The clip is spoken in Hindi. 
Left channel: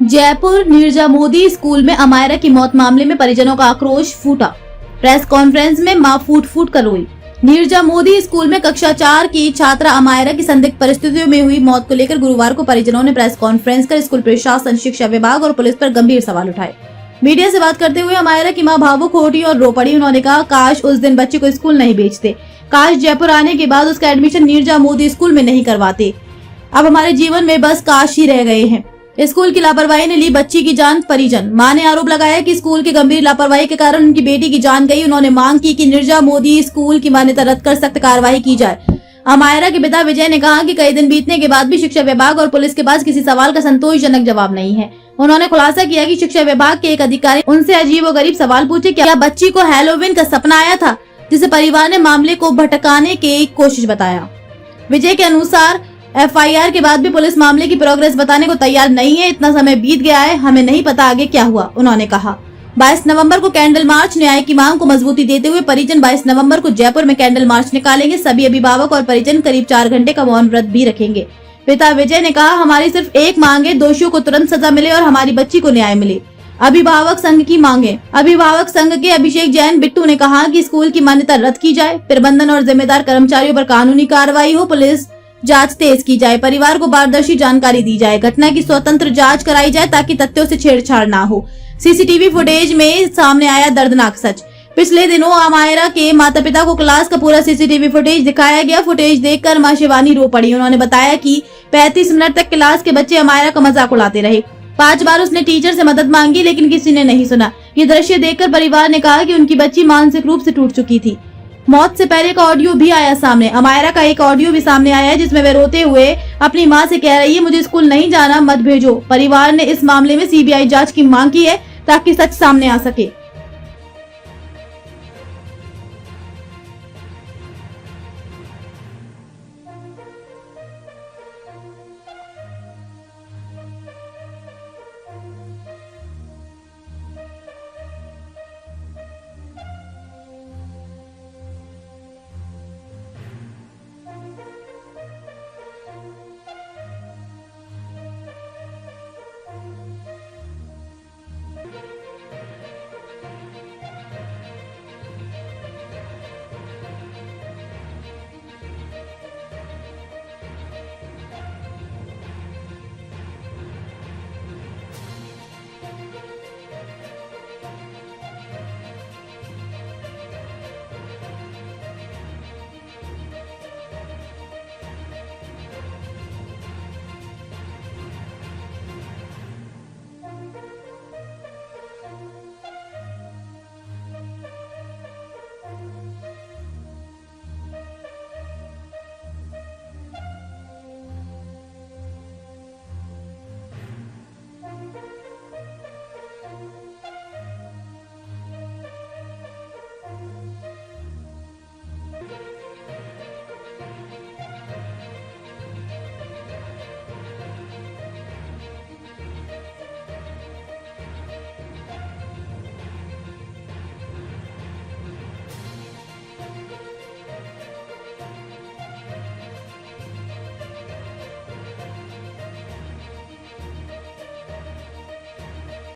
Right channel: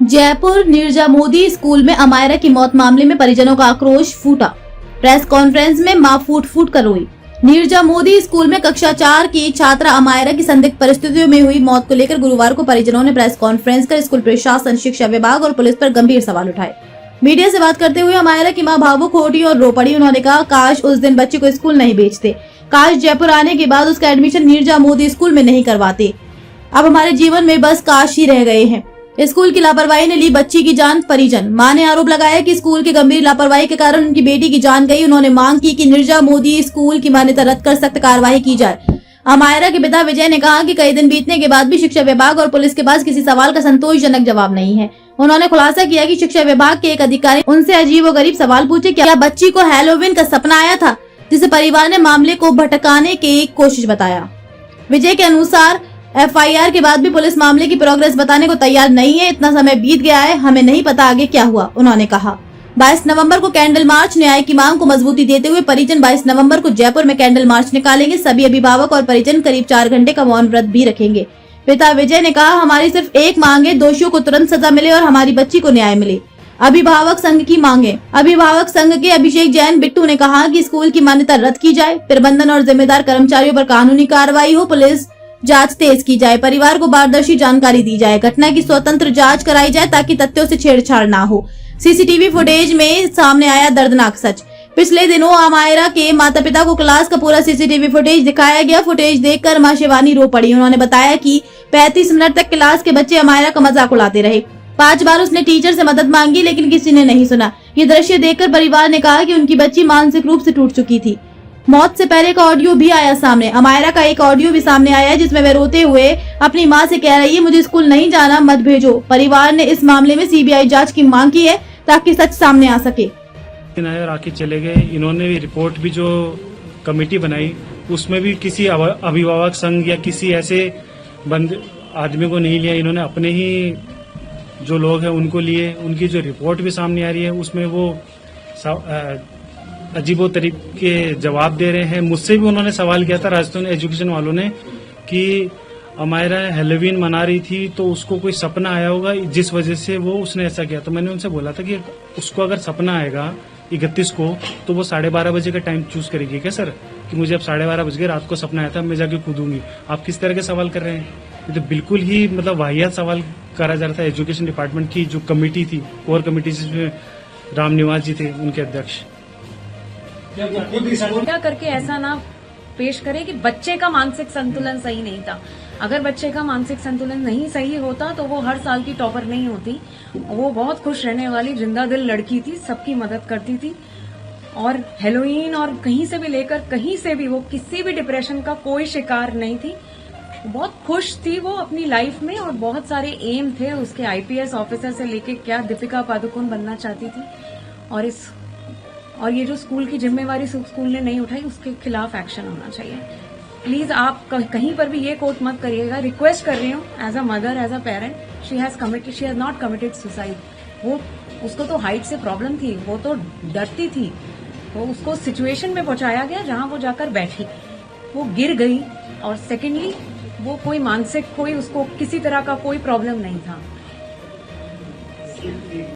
जयपुर नीरजा मोदी स्कूल में अमायरा की मौत मामले में परिजनों का आक्रोश फूटा। प्रेस कॉन्फ्रेंस में मां फूट फूट कर रोई। नीरजा मोदी स्कूल में कक्षा 4 की छात्रा अमायरा की संदिग्ध परिस्थितियों में हुई मौत को लेकर गुरुवार को परिजनों ने प्रेस कॉन्फ्रेंस कर स्कूल प्रशासन, शिक्षा विभाग और पुलिस पर गंभीर सवाल उठाए। मीडिया से बात करते हुए अमायरा की मां भावुक हो उठी और रो पड़ी। उन्होंने कहा, काश उस दिन बच्ची को स्कूल नहीं भेजते, काश जयपुर आने के बाद उसका एडमिशन नीरजा मोदी स्कूल में नहीं करवाते। अब हमारे जीवन में बस काश ही रह गए हैं। स्कूल की लापरवाही ने ली बच्ची की जान। परिजन मां ने आरोप लगाया कि स्कूल की गंभीर लापरवाही के कारण उनकी बेटी की जान गई। उन्होंने मांग की कि नीरजा मोदी स्कूल की मान्यता रद्द कर सख्त कार्रवाई की जाए। अमायरा के पिता विजय ने कहा कि कई दिन बीतने के बाद भी शिक्षा विभाग और पुलिस के पास किसी सवाल का संतोषजनक जवाब नहीं है। उन्होंने खुलासा किया कि शिक्षा विभाग के एक अधिकारी उनसे अजीबोगरीब सवाल पूछे, क्या बच्ची को हैलोवीन का सपना आया था, जिसे परिवार ने मामले को भटकाने की कोशिश बताया। विजय के अनुसार एफआईआर के बाद भी पुलिस मामले की प्रोग्रेस बताने को तैयार नहीं है। इतना समय बीत गया है, हमें नहीं पता आगे क्या हुआ। उन्होंने कहा 22 नवंबर को कैंडल मार्च। न्याय की मांग को मजबूती देते हुए परिजन 22 नवंबर को जयपुर में कैंडल मार्च निकालेंगे। सभी अभिभावक और परिजन करीब 4 घंटे का मौन व्रत भी रखेंगे। पिता विजय ने कहा, हमारी सिर्फ एक मांग है, दोषियों को तुरंत सजा मिले और हमारी बच्ची को न्याय मिले। अभिभावक संघ की मांगे। अभिभावक संघ के अभिषेक जैन बिट्टू ने कहा कि स्कूल की मान्यता रद्द की जाए, प्रबंधन और जिम्मेदार कर्मचारियों पर कानूनी कार्रवाई हो, पुलिस जांच तेज की जाए, परिवार को पारदर्शी जानकारी दी जाए, घटना की स्वतंत्र जांच कराई जाए ताकि तथ्यों से छेड़छाड़ ना हो। सीसीटीवी फुटेज में सामने आया दर्दनाक सच। पिछले दिनों अमायरा के माता पिता को क्लास का पूरा सीसीटीवी फुटेज दिखाया गया। फुटेज देखकर मां शिवानी रो पड़ी। उन्होंने बताया कि 35 मिनट तक क्लास के बच्चे अमायरा का मजाक उड़ाते रहे। 5 बार उसने टीचर से मदद मांगी लेकिन किसी ने नहीं सुना। ये दृश्य देखकर परिवार ने कहा कि उनकी बच्ची मानसिक रूप से टूट चुकी थी। मौत से पहले का ऑडियो भी आया सामने। अमायरा का एक ऑडियो भी सामने आया है जिसमें वह रोते हुए अपनी मां से कह रही है, मुझे स्कूल नहीं जाना, मत भेजो। परिवार ने इस मामले में सीबीआई जांच की मांग की है ताकि सच सामने आ सके। आके चले गए। इन्होंने भी रिपोर्ट भी जो कमेटी बनाई उसमें भी किसी अभिभावक संघ या किसी ऐसे आदमी को नहीं लिया। इन्होंने अपने ही जो लोग हैं उनको लिए। उनकी जो रिपोर्ट भी सामने आ रही है उसमें वो अजीबो तरीके जवाब दे रहे हैं। मुझसे भी उन्होंने सवाल किया था राजस्थान एजुकेशन वालों ने कि अमायरा हैलोवीन मना रही थी तो उसको कोई सपना आया होगा जिस वजह से वो उसने ऐसा किया। तो मैंने उनसे बोला था कि उसको अगर सपना आएगा 31 को तो वो 12:30 बजे का टाइम चूज करेगी क्या सर, कि मुझे अब 12:30 बज गए, रात को सपना आया था, मैं जाके कूदूंगी। आप किस तरह के सवाल कर रहे हैं? ये तो बिल्कुल ही वाहियात सवाल करा जा रहा था। एजुकेशन डिपार्टमेंट की जो कमेटी थी, कोर कमेटी, जिसमें राम निवास जी थे उनके अध्यक्ष, क्या करके ऐसा ना पेश करे कि बच्चे का मानसिक संतुलन सही नहीं था। अगर बच्चे का मानसिक संतुलन नहीं सही होता तो वो हर साल की टॉपर नहीं होती। वो बहुत खुश रहने वाली जिंदा दिल लड़की थी, सबकी मदद करती थी और हेलोइन और कहीं से भी लेकर कहीं से भी वो किसी भी डिप्रेशन का कोई शिकार नहीं थी। बहुत खुश थी वो अपनी लाइफ में और बहुत सारे एम थे उसके, आईपीएस ऑफिसर से लेके क्या दीपिका पादुकोण बनना चाहती थी। और ये जो स्कूल की जिम्मेवारी स्कूल ने नहीं उठाई उसके खिलाफ एक्शन होना चाहिए। प्लीज आप कहीं पर भी ये कोट मत करिएगा। रिक्वेस्ट कर रही हूँ as a mother, as a parent, she has not committed suicide. वो उसको तो हाइट से प्रॉब्लम थी, वो तो डरती थी, तो उसको सिचुएशन में पहुंचाया गया जहां वो जाकर बैठी, वो गिर गई। और सेकेंडली वो कोई मानसिक, कोई उसको किसी तरह का कोई प्रॉब्लम नहीं था।